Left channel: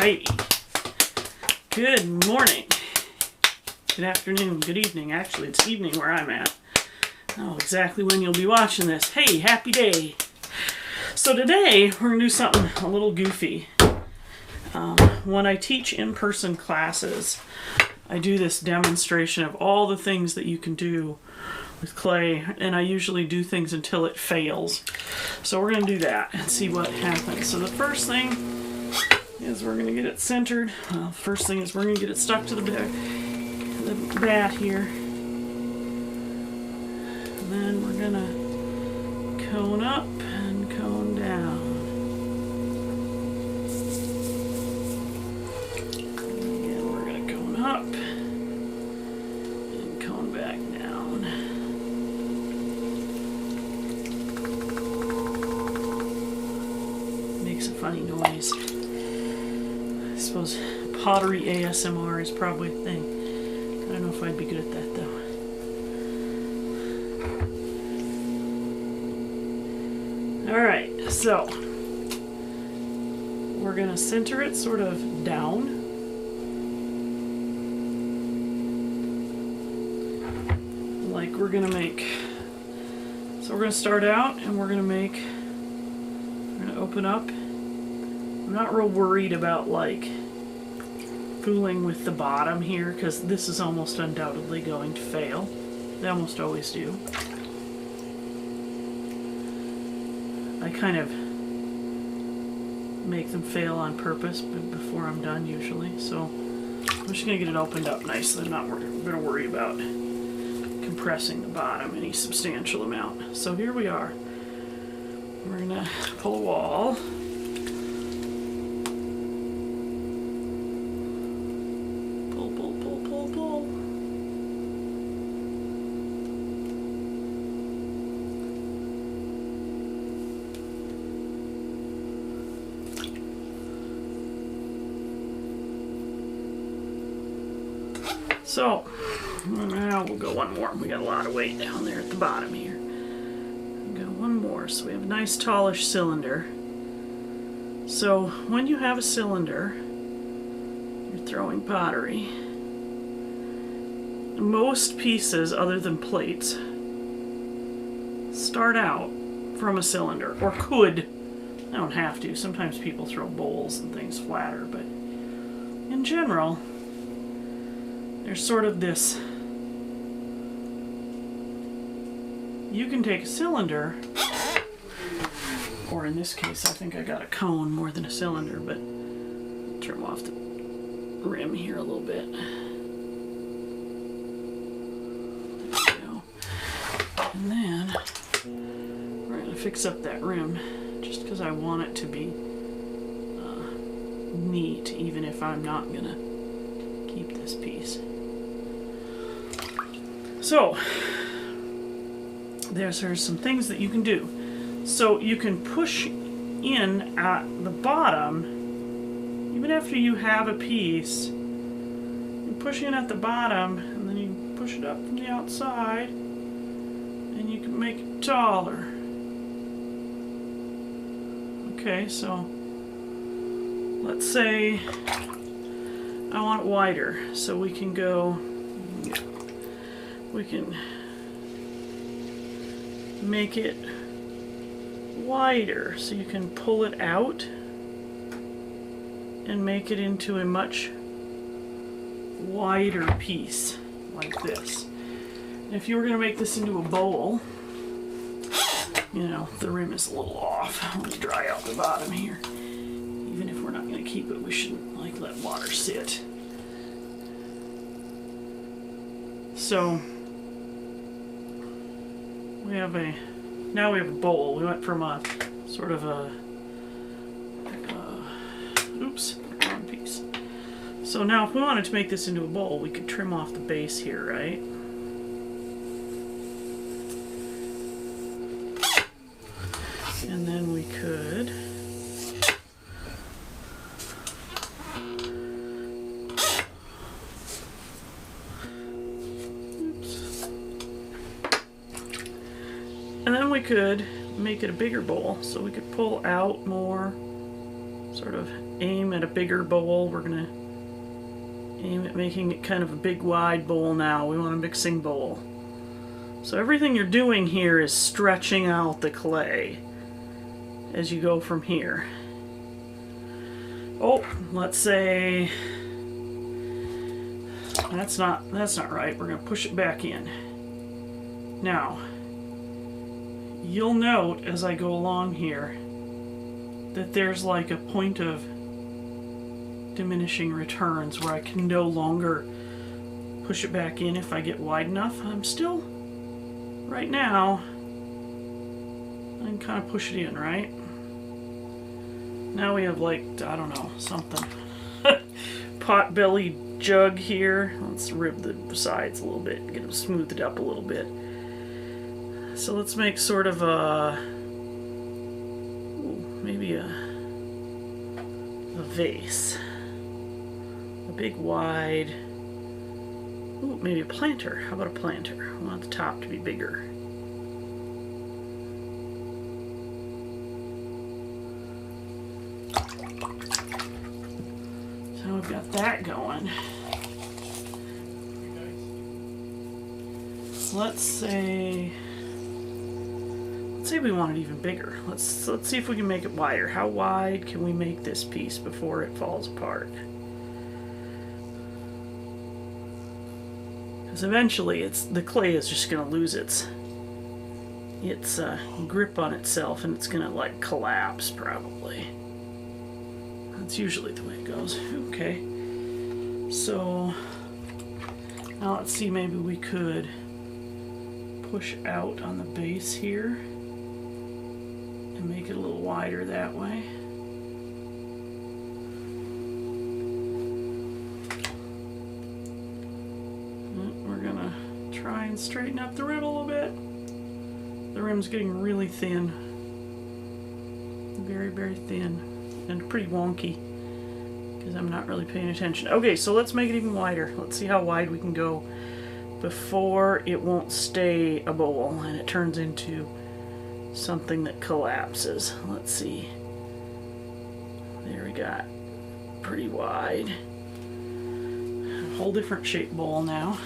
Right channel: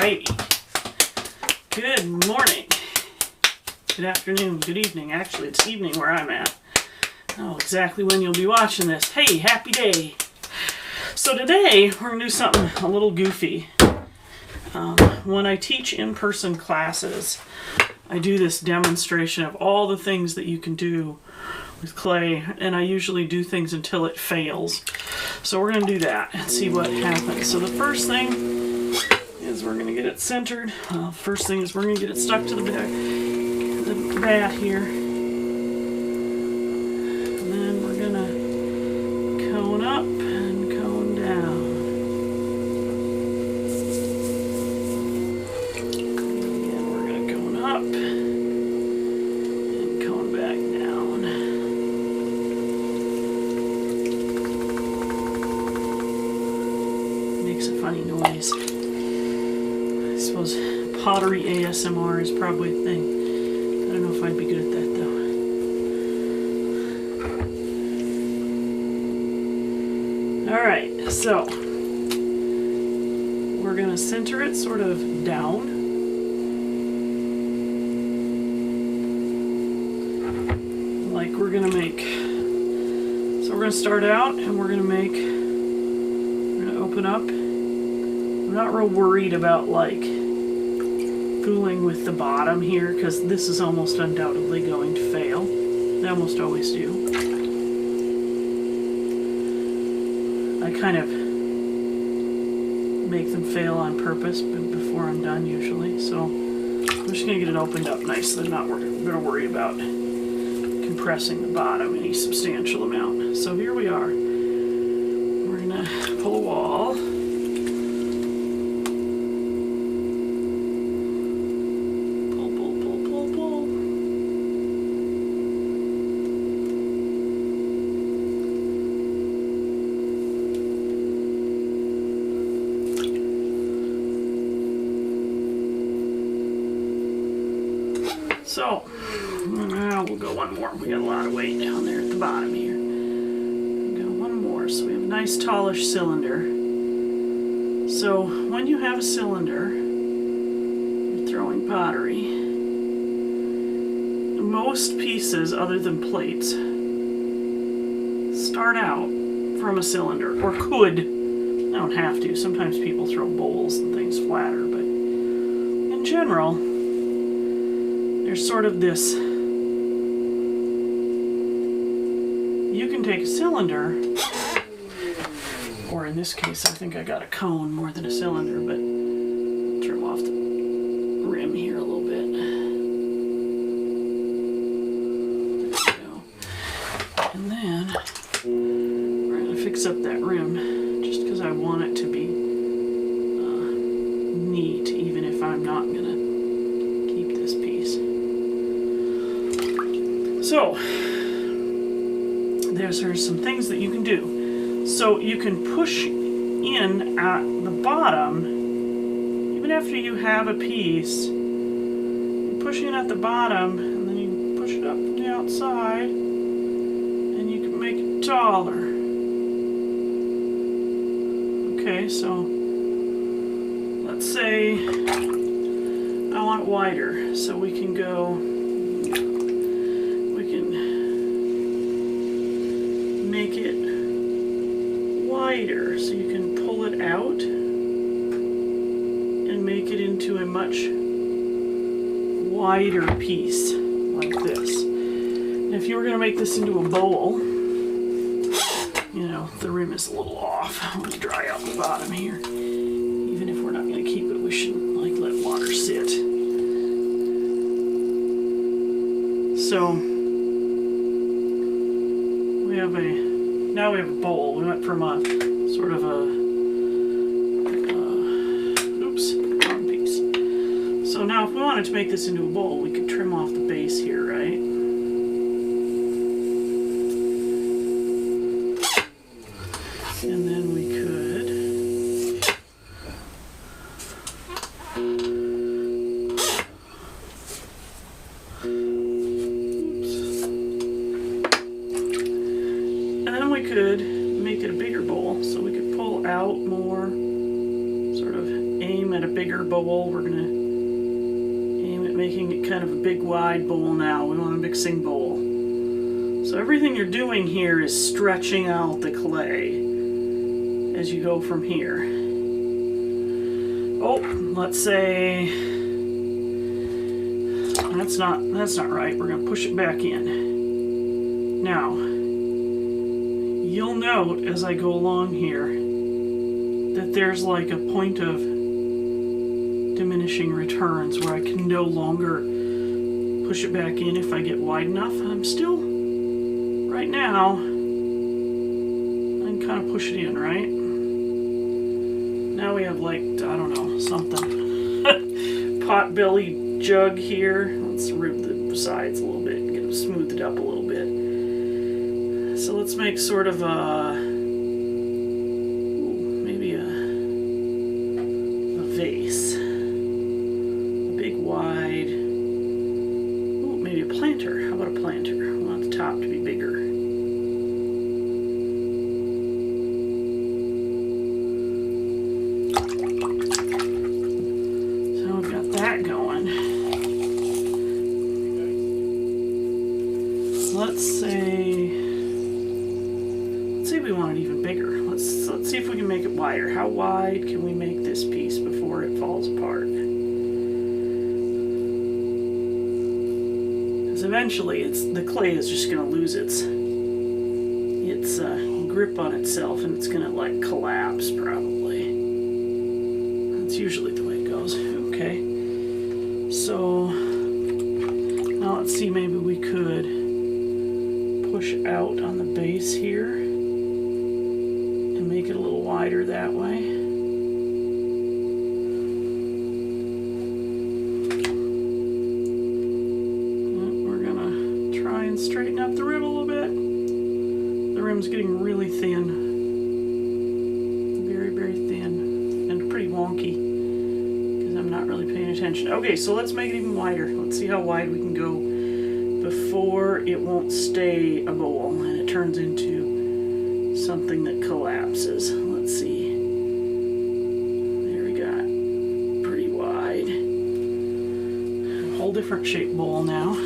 Alrighty. Good morning. Good afternoon. Good evening. Actually, it's evening where I'm at. I don't know exactly when you'll be watching this. Hey, happy day. So today, we're going to do something a little goofy. When I teach in-person classes, I do this demonstration of all the things that you can do with clay, and I usually do things until it fails. So we're going to do that and see what happens. So the first thing is we're going to get it centered. First thing is we're going to get it stuck to the bat here. And then we're going to cone up and cone down. Again, we're going to cone up and cone back down. Makes a funny noise. I suppose pottery ASMR is probably a thing. I don't know if I'd be good at that though. Alright, so we're going to center it sort of down. Like we're going to make, so we're going to start out and we're going to open up. I'm not real worried about like fooling with the bottom here because this is almost undoubtedly going to fail. They almost always do. I kind of make them fail on purpose before I'm done usually. So I'm just going to get it opened up nicely. I'm not going to worry about compressing the bottom any substantial amount. So here we are. We're going to pull a wall. Pull, pull, pull, pull, pull. So, now we'll go one more. We got a lot of weight down there at the bottom here. We'll go one more. So we have a nice tallish cylinder. So when you have a cylinder, you're throwing pottery. Most pieces, other than plates, start out from a cylinder, or could. I don't have to. Sometimes people throw bowls and things flatter, but in general, there's sort of this, you can take a cylinder, or in this case I think I got a cone more than a cylinder, but I'll trim off the rim here a little bit. There we go. And then we're going to fix up that rim just because I want it to be neat, even if I'm not going to keep this piece. So, there's some things that you can do. So you can push in at the bottom, even after you have a piece. You push in at the bottom, and then you push it up from the outside, and you can make it taller. Okay, so let's say I want it wider, so we can make it wider, so you can pull it out and make it into a much wider piece like this. And if you were going to make this into a bowl, you know, the rim is a little off. Let me dry out the bottom here. Even if we're not going to keep it, we shouldn't like let water sit. So now we have a bowl. We went from a sort of a oops, wrong piece. So now if we wanted to make this into a bowl, we could trim off the base here, right? And then we could make it a bigger bowl, so we could pull out more sort of aim at a bigger bowl. We're going to aim at making it kind of a big wide bowl now. We want a mixing bowl. So everything you're doing here is stretching out the clay as you go from here. Oh, let's say that's not right. We're going to push it back in. Now, you'll note as I go along here that there's like a point of diminishing returns where I can no longer push it back in if I get wide enough. I'm still, right now, I can kind of push it in, right? Now we have like, I don't know, something. Pot-belly jug here. Let's rib the sides a little bit and get them smoothed up a little bit. So let's make sort of a, maybe a vase. A big wide, maybe a planter. How about a planter? I want the top to be bigger. So we've got that going. Let's say we want it even bigger. Let's see if we can make it wider. How wide can we make this piece before it falls apart? Because eventually the clay is just going to lose its grip on itself, and it's going to like collapse probably. That's usually the way it goes. Okay. So now let's see, maybe we could push out on the base here and make it a little wider that way. We're gonna try and straighten up the rim a little bit. The rim's getting really thin. Very, very thin and pretty wonky because I'm not really paying attention. Okay, so let's make it even wider. Let's see how wide we can go before it won't stay a bowl and it turns into something that collapses. Let's see. There we got pretty wide. A whole different shaped bowl now.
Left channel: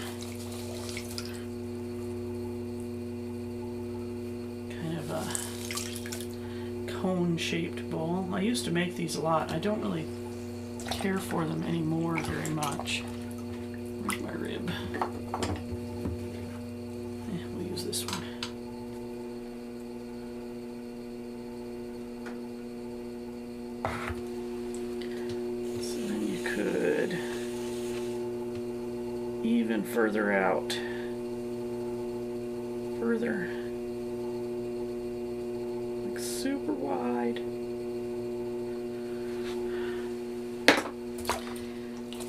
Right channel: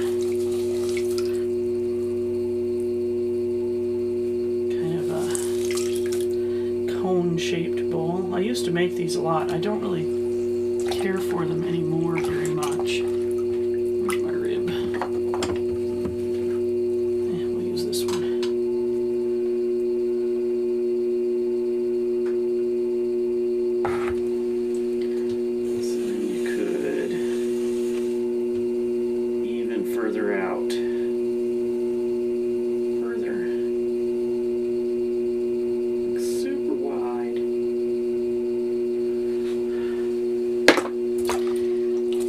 Kind of a cone shaped bowl. I used to make these a lot. I don't really care for them anymore very much. Where's my rib? We'll use this one. Further out. Further. Like super wide.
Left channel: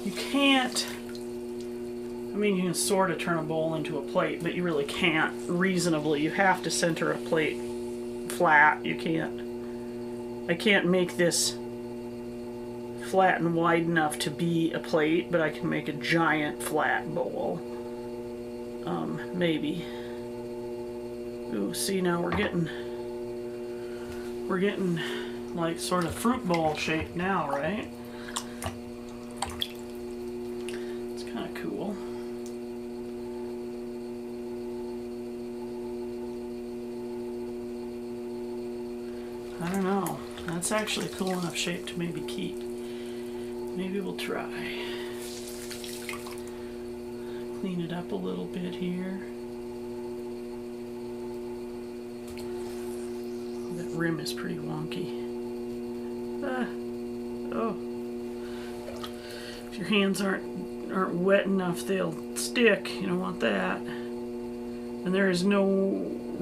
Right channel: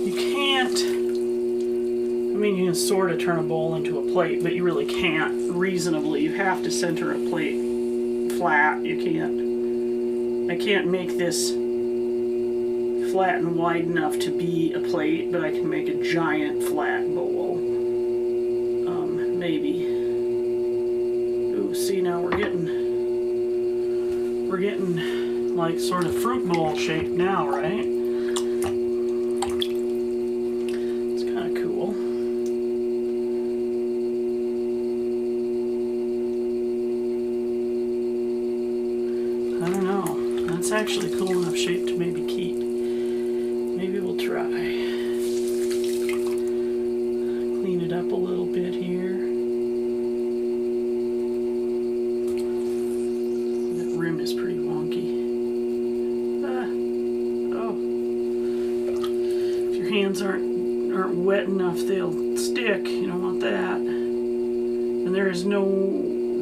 You can't, I mean, you can sort of turn a bowl into a plate, but you really can't reasonably. You have to center a plate flat. You can't, I can't make this flat and wide enough to be a plate, but I can make a giant flat bowl. Maybe. Ooh, see, now we're getting like sort of fruit bowl shape now, right? It's kind of cool. I don't know. That's actually cool enough shape to maybe keep. Maybe we'll try. Clean it up a little bit here. That rim is pretty wonky. Oh. If your hands aren't wet enough, they'll stick. You don't want that. And there is no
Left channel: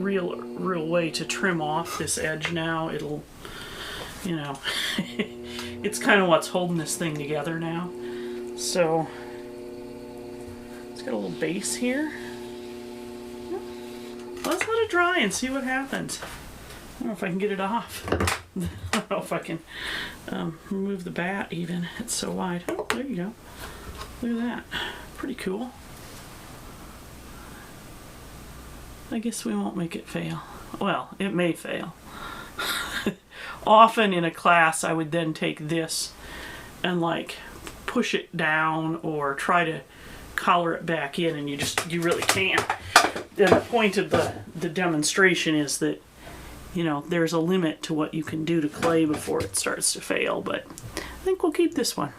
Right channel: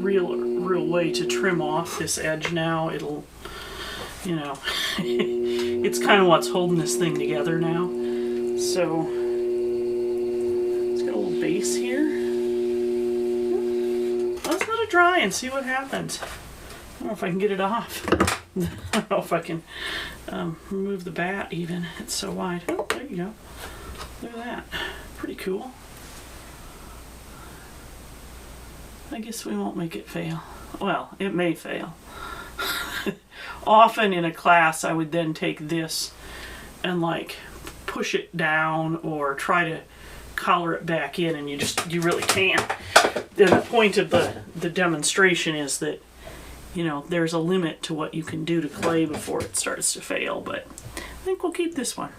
real way to trim off this edge now. It'll, you know, it's kind of what's holding this thing together now. So it's got a little base here. Let's let it dry and see what happens. I don't know if I can get it off. I don't know if I can remove the bat even. It's so wide. Oh, there you go. Look at that. Pretty cool. I guess we won't make it fail. Well, it may fail. often in a class I would then take this and like push it down or try to collar it back in, and you really can't. And the point of the demonstration is that, you know, there's a limit to what you can do to clay before it starts to fail, but I think we'll keep this one.